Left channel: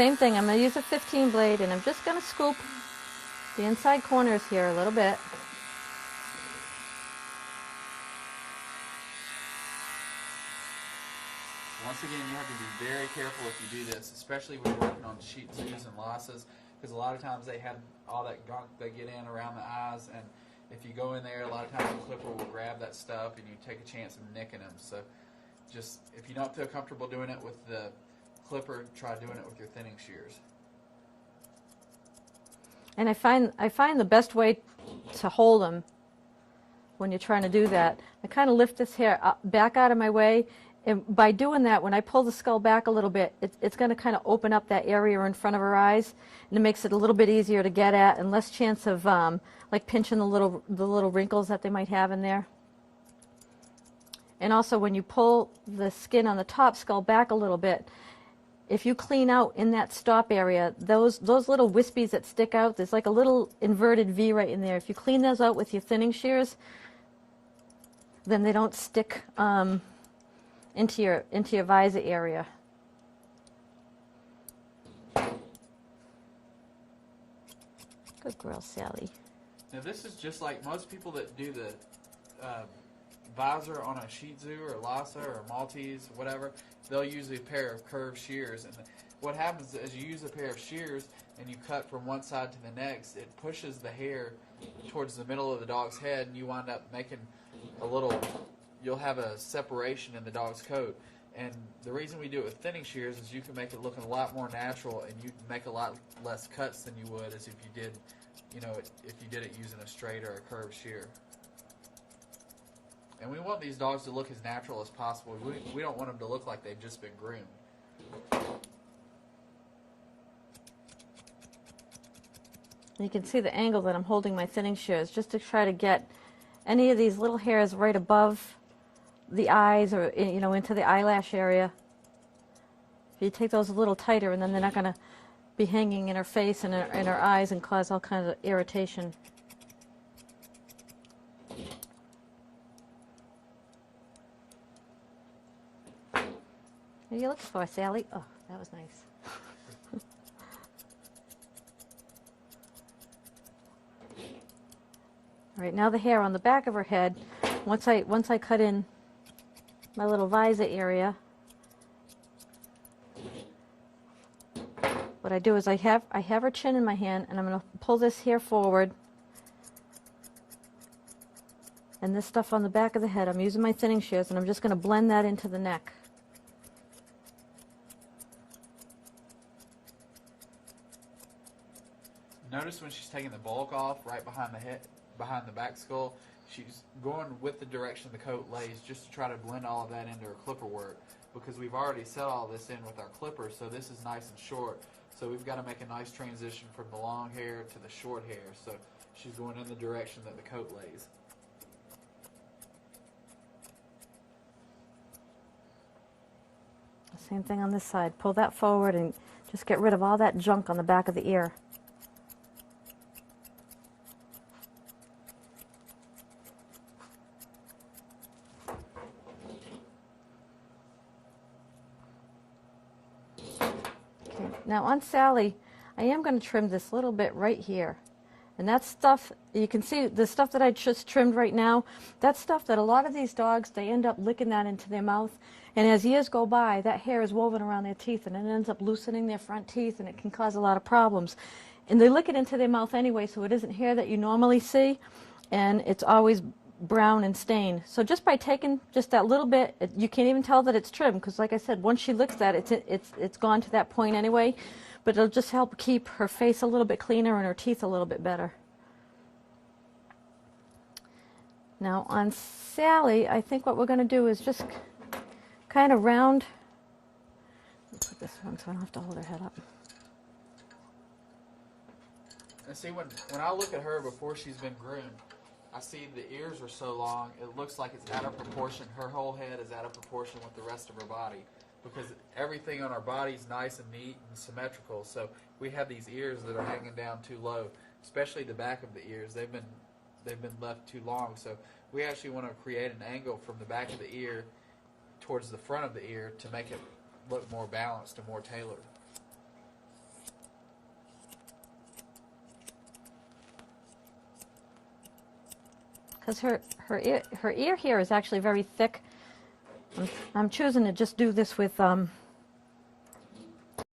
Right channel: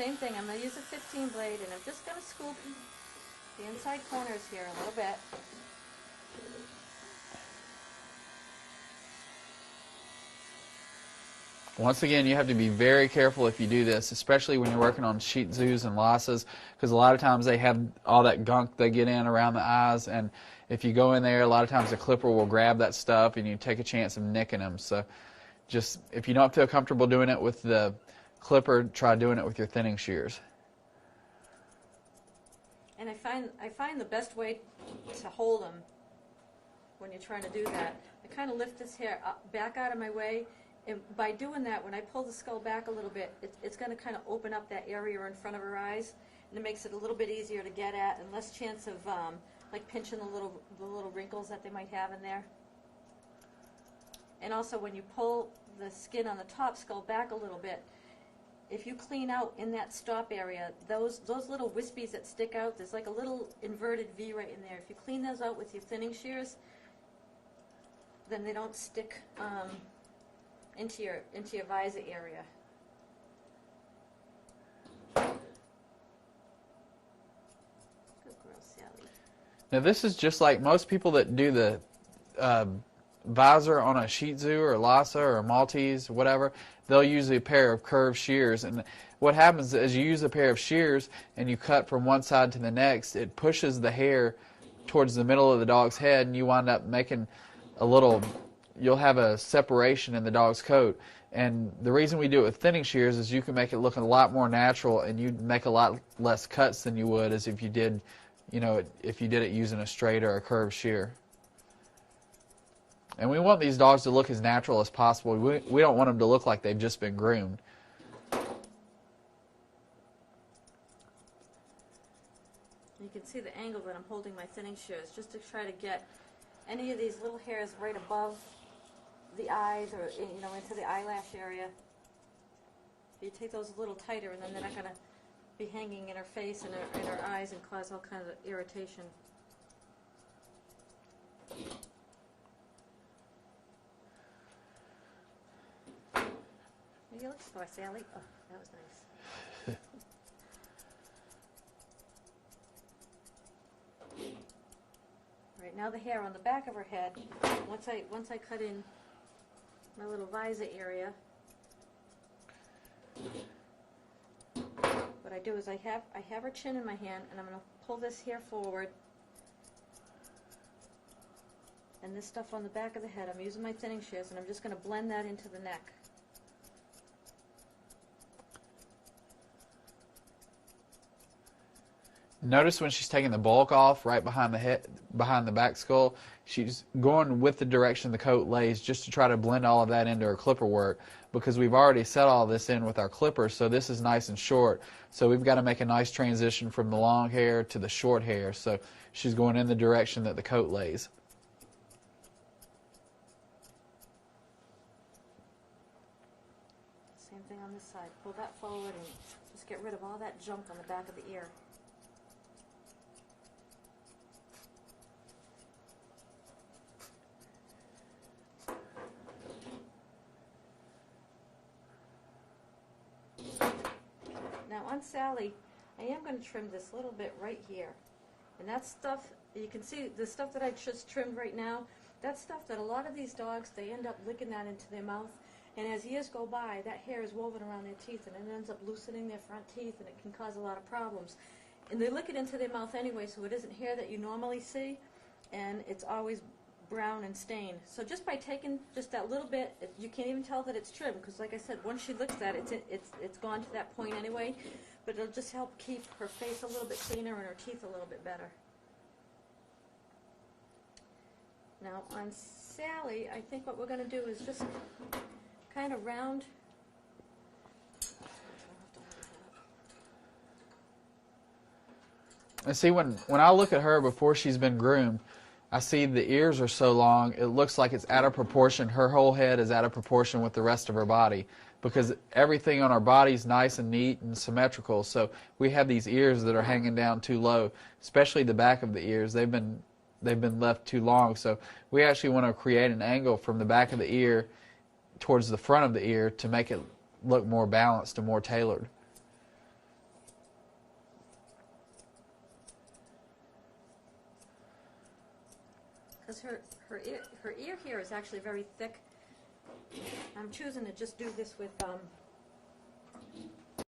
same thing. I'm going to use a 15 blade, and I'm just going to scoop the inside corners here a little bit. Once again, you have to be very careful if you do this, especially when you're working on Shih Tzus and Lhasas, because a lot of times they have all that gunk they get in around the eyes, and if you go in there, a lot of times the clipper will grab that stuff and you take a chance of nicking them. So just, if you don't feel comfortable doing it with the clipper, try doing it with your thinning shears. And I find the best way to hold them when you're trying to do that, I kind of lift this hair up, back out of my way. And by doing that, when I pull the skull back a little bit, it's going to kind of open up that area in front of her eyes, and it makes it a little bit easier to get at and less chance of like pinching the little wrinkles that they might have in there. And also, when you pull the skin on the top skull back a little bit, if you clean out in that stop area, those little wispies that stick out, there's like a little inverted V right in there. If you clean those out with your thinning shears, then they don't stick into your visor area. Good girl, Sally. Now this is just like most people that do the visor on a Shih Tzu or Lhasa or Maltese, whatever. They'll use a pair of curved shears, and what happens is you use a pair of shears and you cut from one side to the next, it pushes the hair towards the middle of the dog's head, and you wind up making a little, you'll have a separation in the dog's coat. And the reason we do it with thinning shears is you can make it look a lot more natural, and you'd make a lot less cuts than you would as if you did, if you did it using a straight or a curved shear. And we want these dogs to look as natural as possible. We don't want them to look like they've just been groomed. You can see the angle that I'm holding my thinning shears just to try to get any of these little hairs right above the eyes, or into the eyelash area. If you take those a little tighter, and then they're not going to be hanging in her face and in her eyes and cause all kinds of irritation. What are you looking for, Sally? Oh, that was nice. All right, now the hair on the back of her head, once I cut in my little visor area, what I do is I have her chin in my hand, and I'm going to pull this hair forward, and this stuff on the back of the head, I'm using my thinning shears, and I'm just going to blend that into the neck. Notice when she's taking the bulk off right behind the head, behind the back skull, she's going with the direction the coat lays just to try to blend all of that into her clipper work, because we've already set all this in with our clippers, so this is nice and short. So we've got to make a nice transition from the long hair to the short hair. So she's going in the direction that the coat lays. Same thing on this side. Pull that forward and just get rid of all that junk on the back of the ear. Now on Sally, I am going to trim this little bit right here. And that stuff, you can see the stuff that I just trimmed right now, that's stuff that a lot of these dogs, they end up licking that into their mouth. And as years go by, that hair is woven around their teeth, and it ends up loosening their front teeth, and it can cause a lot of problems. And they lick it into their mouth anyway, so it isn't hair that you normally see, and it's always brown and stained. So just by taking just that little bit, you can't even tell that it's trimmed, because like I said, once she licks that, it's gone to that point anyway. But it'll just help keep her face a little bit cleaner and her teeth a little bit better. Now on Sally, I think what we're going to do is just kind of round. Let's put this one so I don't have to hold her head up. And see, when I look at her before she's been groomed, I see the ears are so long, it looks like it's out of proportion. Her whole head is out of proportion with the rest of her body, because everything on our body is nice and neat and symmetrical. So we have these ears that are hanging down too low, especially the back of the ears. They've been left too long. So we actually want to create an angle from the back of the ear towards the front of the ear to make it look more balanced and more tailored. because her ear here is actually very thick. I'm choosing to just do this with